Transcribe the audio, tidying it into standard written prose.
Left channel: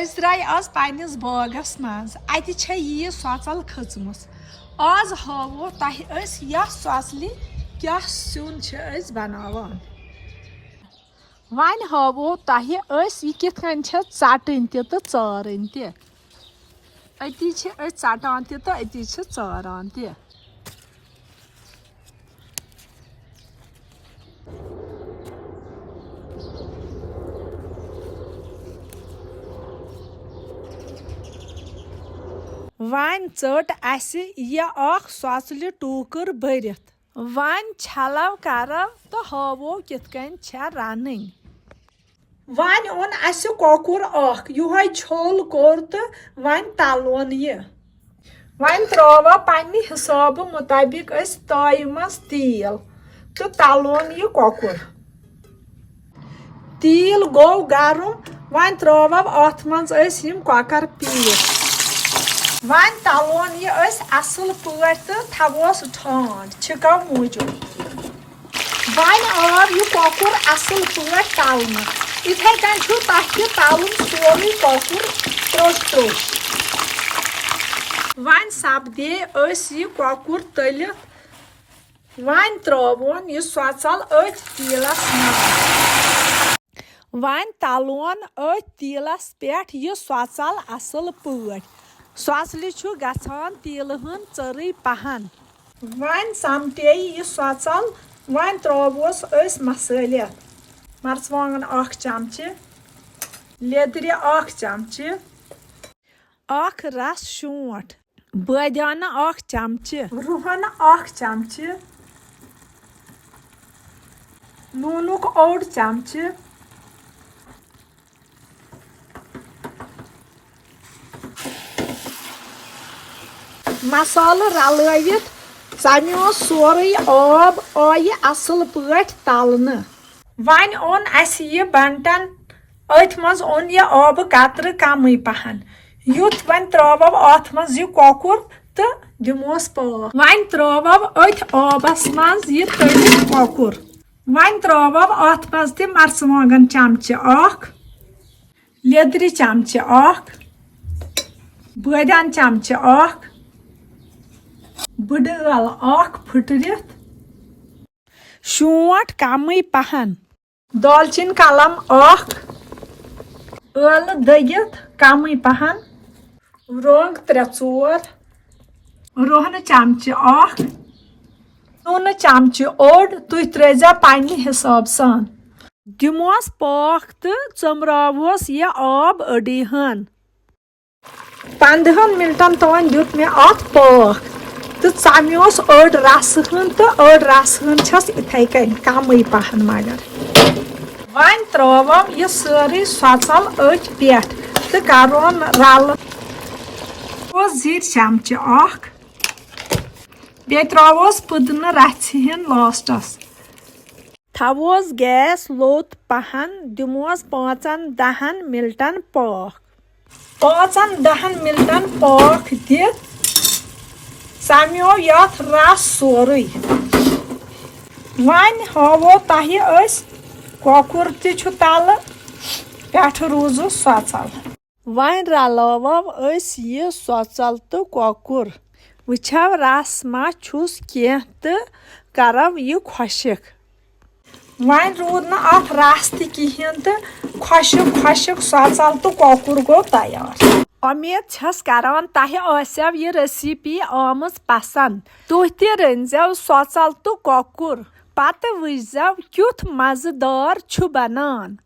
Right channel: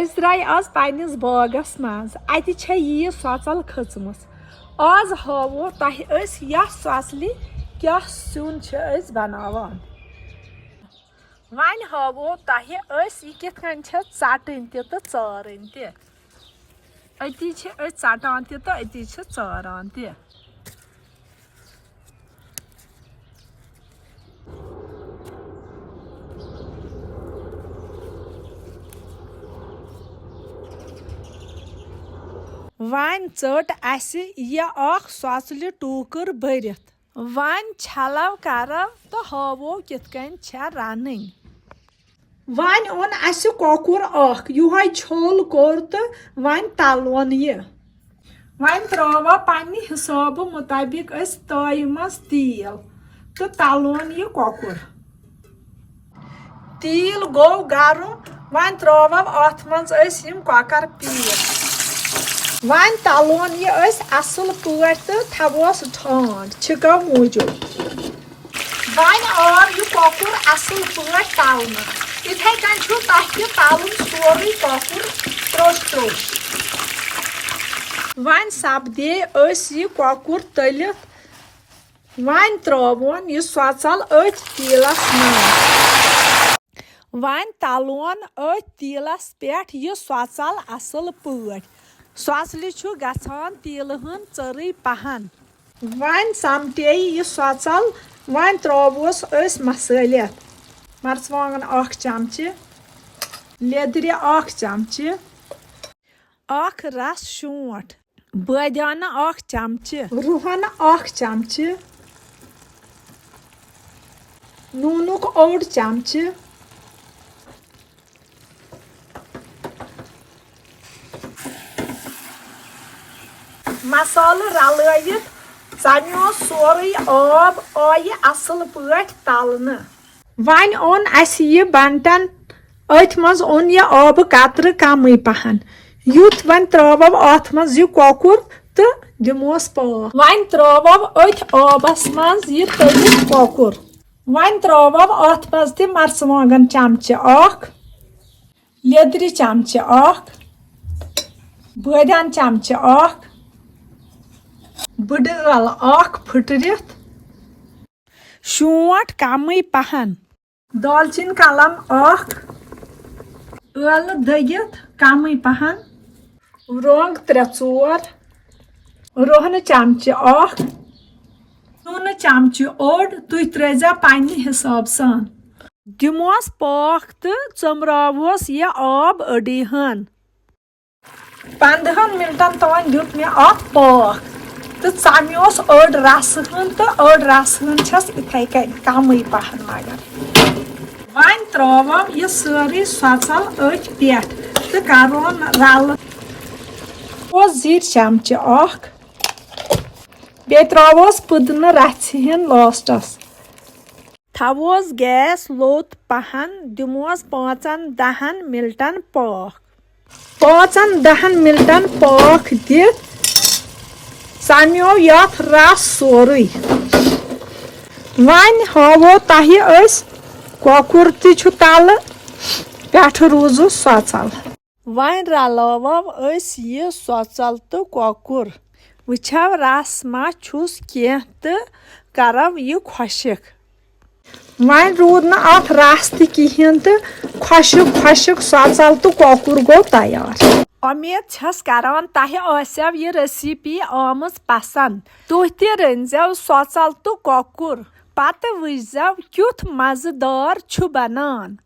अस द्राय आज पन्निस बागस मज अति छ यी सोचल खचमस आज हावो तह अस या सोचलि क्या सुन छ अस बनावान वन हावो तह अस यह कित कन छ चटन त तो चारन त अति छ अस चटान त तो अति छ चारान त वन चट असे यह सोचल टूकर भरित वन छलव करव तो हावो कित कन छ रनन वन ओन अस कोकुर युहाय छोल कोर तो वन तलोन यह वन त्रोवा पन्ने हिसाब मुताबिक अस ताय मस तेल तो तलोन यह कोकुर तेल गो गरम वन त्रोवा अथ मज अस यम कोकर पीस वन तलोन यह असल पे तो थवोस ठंड छिको मूजूब वन आव यह कोकुर असल पे तलन इथे कन तह तलन सोरे कोकुर त्रोश त्रोश वन सपदे यह कोकुर तलित वन त्रोन यह सोचल अथ तेलस वन तलोन अथ तेलस पे यह सोचल असल पे सोचल गसान तेल हन चरई पहन वन समटे यह सोचल वन त्रोवोस मसलित मर्चवांगन 1 चमचे लेदर 1 चमचे 1 रस शूंठ बादाना 1 चमचे रुहन 1 चमचे नूनुक 1 चमचे मसाल रलवित चमो सोरे आब आय असल पे तलने वन ओन अस यह बंटन अथ मज ओन यह आब कतर कम पहन युथ वन त्रो अथ मज यह कोकुर तो दिमोस पाक वन त्रो अथ आबस मज यह तलित कोकुर वन त्रो अथ मज त मर्चवांगन चमचे 1 लेदर चमचे 1 बादान चमचे 1 बड़ल 1 फुटरित शूंठ कम पहन दालचीन कलम 1 यल दगित कम पहन रोंग 3-4 रोहन चमचे 1 नून चमचे 1 तुह त्रेजा पन्ने हिसाब सान दिमोस पाक तो चमरावोस यह आब अड़ी हन 15 मिनटन तान दुत मे पाक तो चमोस अड़ रस तो अड़ रस छस इथे कन कम पहन मगर वन त्रो यह सारे सोचल अथ पे तो करोन रल जीर चमचे 1 बे त्रोस पुदन रन लास्टस थवोस गैस लोत पहन दिमोस 5-10 मिनटन पाक 5-10 मिनटन पाक दित चमो यथ रस सोरे वन हावो तह कोकुर तल पे रूज सोचल वन रलाव यह सोचल तो कोकुर वुचव रस मा छुस कह तो करव यह खुशक वन रूद न अथ रस तहन तो खुशक खुशक सोचल तो कोकुर गो तैयार उम्मीद छस करान तह आसव यह रेसिपी आमज पसंद तुह त रनजव सोचल तो कोकुर पत वुचजव क्युथ मजेदार छु बनान।